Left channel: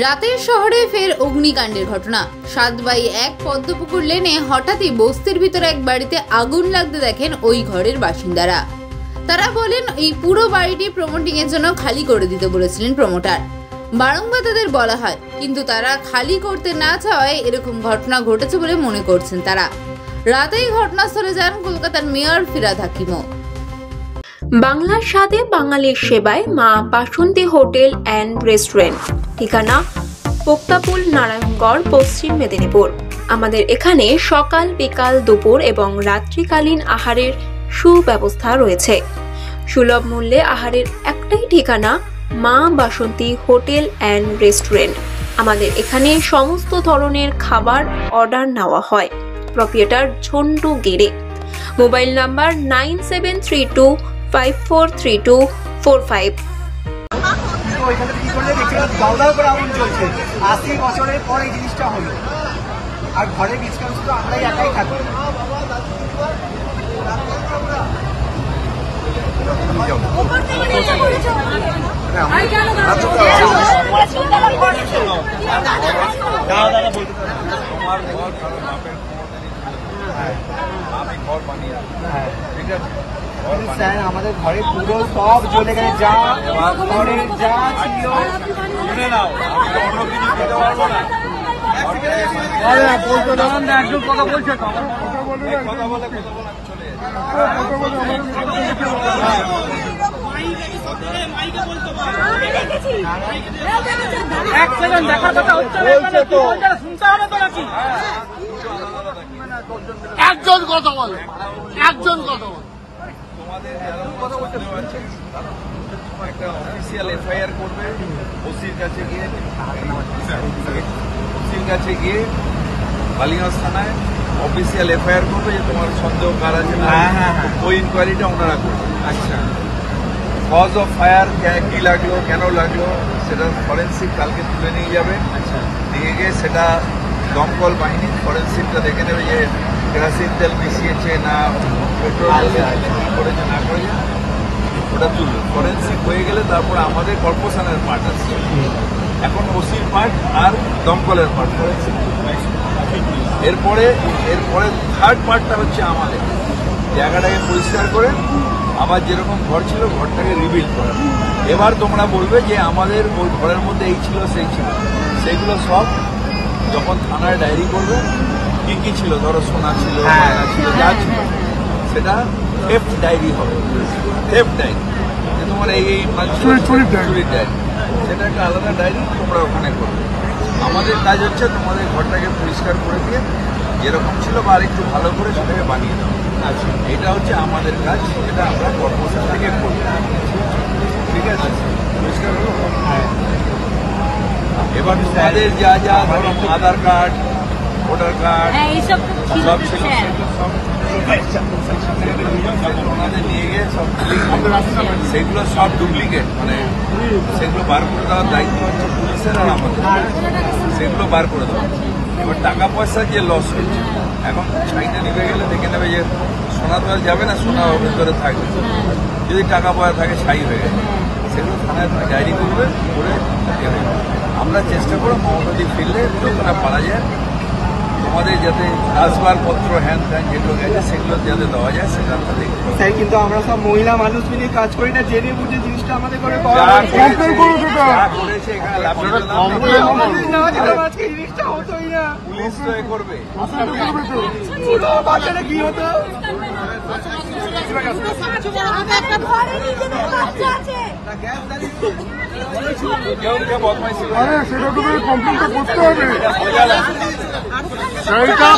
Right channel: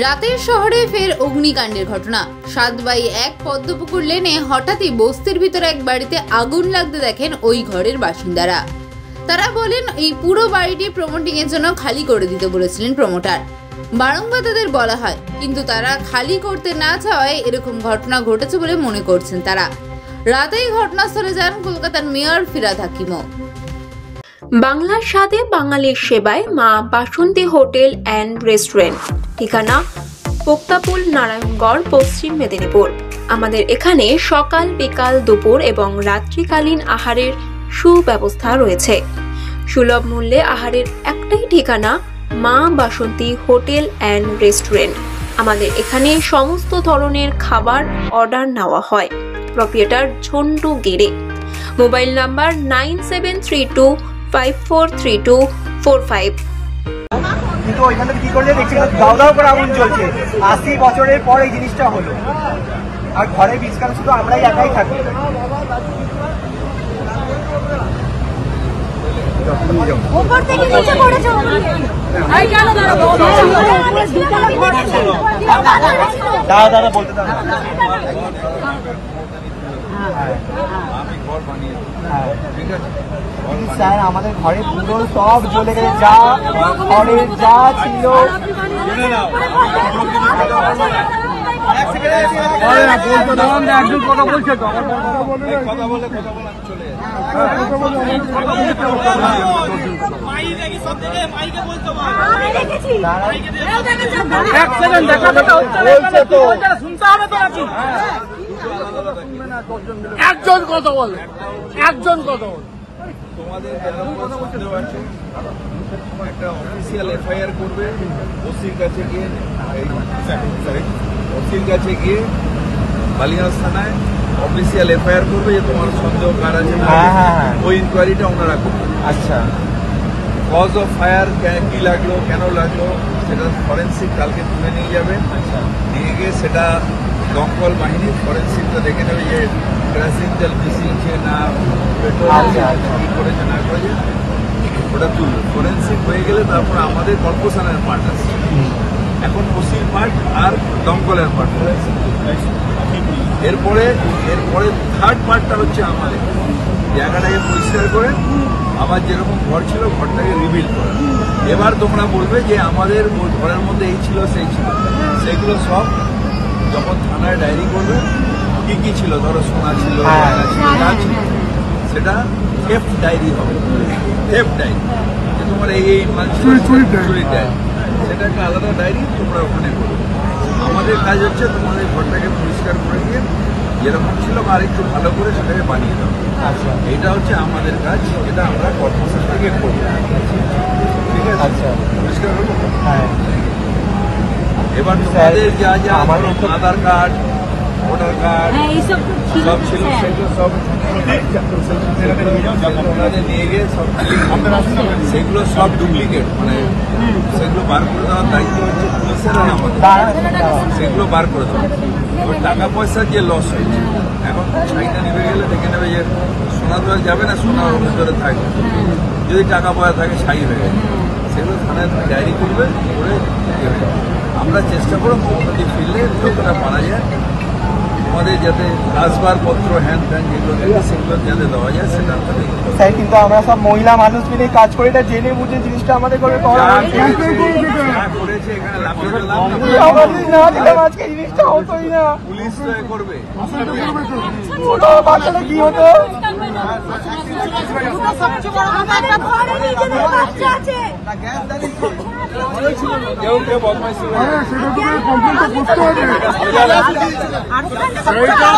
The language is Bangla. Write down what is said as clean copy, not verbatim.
রাতের শহরে ফের অগ্নিকাণ্ডের ঘটনা। 7/1 পদ্মপুকুর লেনে হঠাৎই বস্তির ভিতরে এক বাড়িতে আগুন লাগতে দেখেন ওই ঘরের বাসিন্দারা। তারা বলেন এই পুরো বাড়িটি প্রমোটিং এর জন্য খালি করে দিতে বলেছিলেন প্রমোটার। বারংবার তাদের বলা হয়, কিন্তু তারা খালি করতে না চাওয়ায় এরকম ঘটনা ঘটেছে বলে মনে করছেন তারা। রাতেই ঘটনাস্থলে যান কলকাতার মেয়র ফিরহাদ হাকিমও। বাংলার স্বাদে বাঙালির সেবায় মা বাসন্তী হোটেল অ্যান্ড রেস্টুরেন্ট, ঠিকানা পোক্তাপুল, নারায়ণগড়, পশ্চিম মেদিনীপুর। আমাদের এখানে সকাল, বিকাল, দুপুর এবং রাত্রিকালীন আহারের সুব্যবস্থা রয়েছে। সুলভ মূল্যে আহারের একটাই ঠিকানা মা বাসন্তী হোটেল অ্যান্ড রেস্টুরেন্ট। আমাদের এখানে সমস্ত ধরনের খাবার অর্ডার নেওয়া হয়। Proprietor Jhantu Gere. Mobile number 9732543245। কিন্তু ওইখানে কি করলে দেখছি দাও দাও করে আগুন জ্বলছে। 80 বছরের পর এই জিনিসটা হলো, আর ঘরের বীজ কারণ শুধু আমরাই একাই থাকি। স্যার আমাদের ঘরে পুরো সব জ্বলে গেছে, যা ঘরের যা ছিল। একজন কথা বলে, একজন কথা বলে। তোমাদের একটা অফিসিয়াল এফআইআর করবে ওসির কাছে গিয়ে, বালিগঞ্জ থানায় অফিসিয়াল এফআইআর করবে যে তোমার সন্দেহ কার আছে। ওই ইনকোয়ারিটা ওনারা করবে। আচ্ছা, কজ অফ ফায়ার কি লাগলো, কেন লাগলো, সেটা ফরেন্সিক কালকে তুলে নিয়ে যাবে। আচ্ছা, নিয়ে গিয়ে সেটা দমকল বাহিনী ফরেন্সিকটা দেখে নেবে যে কেরোসিন তেল মিশিয়েছে না পেট্রোল করেছে না করেছে, ওটা তুলবে। ফরেন্সিক হয়ে গেলে তারপর আমাদের কর্পোরেশনের পার্ট আছে। এখন ওসির পার্ট আর দমকলের পার্ট, ফরেন্সিক। এরপরে থার্ড পার্টটা হচ্ছে আমাদের জায়গাটাকে পরিষ্কার করে আবার যেরকম ঘর ছিল ঘরটাকে রিবিল্ড করে। এবার তোমরা বলবে যে আমাদের ওই ঘরের মধ্যে এই ছিল সেই ছিল, সেইগুলো সব যখন থানায় ডায়েরি করবে কি কি ছিল, ধরো সোনা ছিল, ছিল, যা ছিল, সেটা থেফট ডায়েরি হবে। থেফট ডায়েরি তোমার এই মাল ছিল, চুরির ডায়েরি, সেটা একটা আলাদা ডায়েরি তোমরা ওখানে করবে। আমাদের কাজ হচ্ছে তোমাদের ঘরটাকে পরিষ্কার করে দিয়ে যেরকম ছিল বা আরেকটু ভালো করে সেটাকে বানিয়ে দেবে। আচ্ছা, এটা হচ্ছে আমাদের কাজ, এটা আমরা কর্পোরেশন থেকে করবো। ঠিক আছে? আচ্ছা, পরিষ্কার হলো। হ্যাঁ, এবার তোমাদের যা যা আমার আধার কার্ড, ভোটার কার্ড সব ছিল, সেগুলো সব ওনাদের নিয়ে গিয়ে সব সেগুলো সব ডুপ্লিকেট, মানে সেগুলো বার করে দেওয়ার দায়িত্ব হচ্ছে পুলিশের। সেগুলো বার করে দেবে। এবার টাকা পয়সার যে লস হয়েছে, এখন ছবিটা নিয়ে গেলে দেখে নেবে যে সোনা তো যাবে না, সোনা ওর ভিতরে থাকবে। যদি টাকা পয়সা থাকে ছাই হয়ে যাবে, সেগুলো থানায় ডায়েরি করবে করে আমরা চেষ্টা করব মমতাদি ফিরলে তারা পারা যায়। আমাদের যাতে আসবাবপত্র হ্যান ত্যান যেগুলো রয়েছে সেগুলো যাতে দেওয়া যায় সেটা আমাদের। স্যার কিন্তু আমরা সব মহিলা মানুষ মিলে কাজ করি না, জেনে বুঝে জিনিসটা আমাদের করে পাওয়া হয়েছে। আজকে জিনিসটা হতোই না, পুলিশ করবে। বাচ্চাটা কি হতো? সেইটা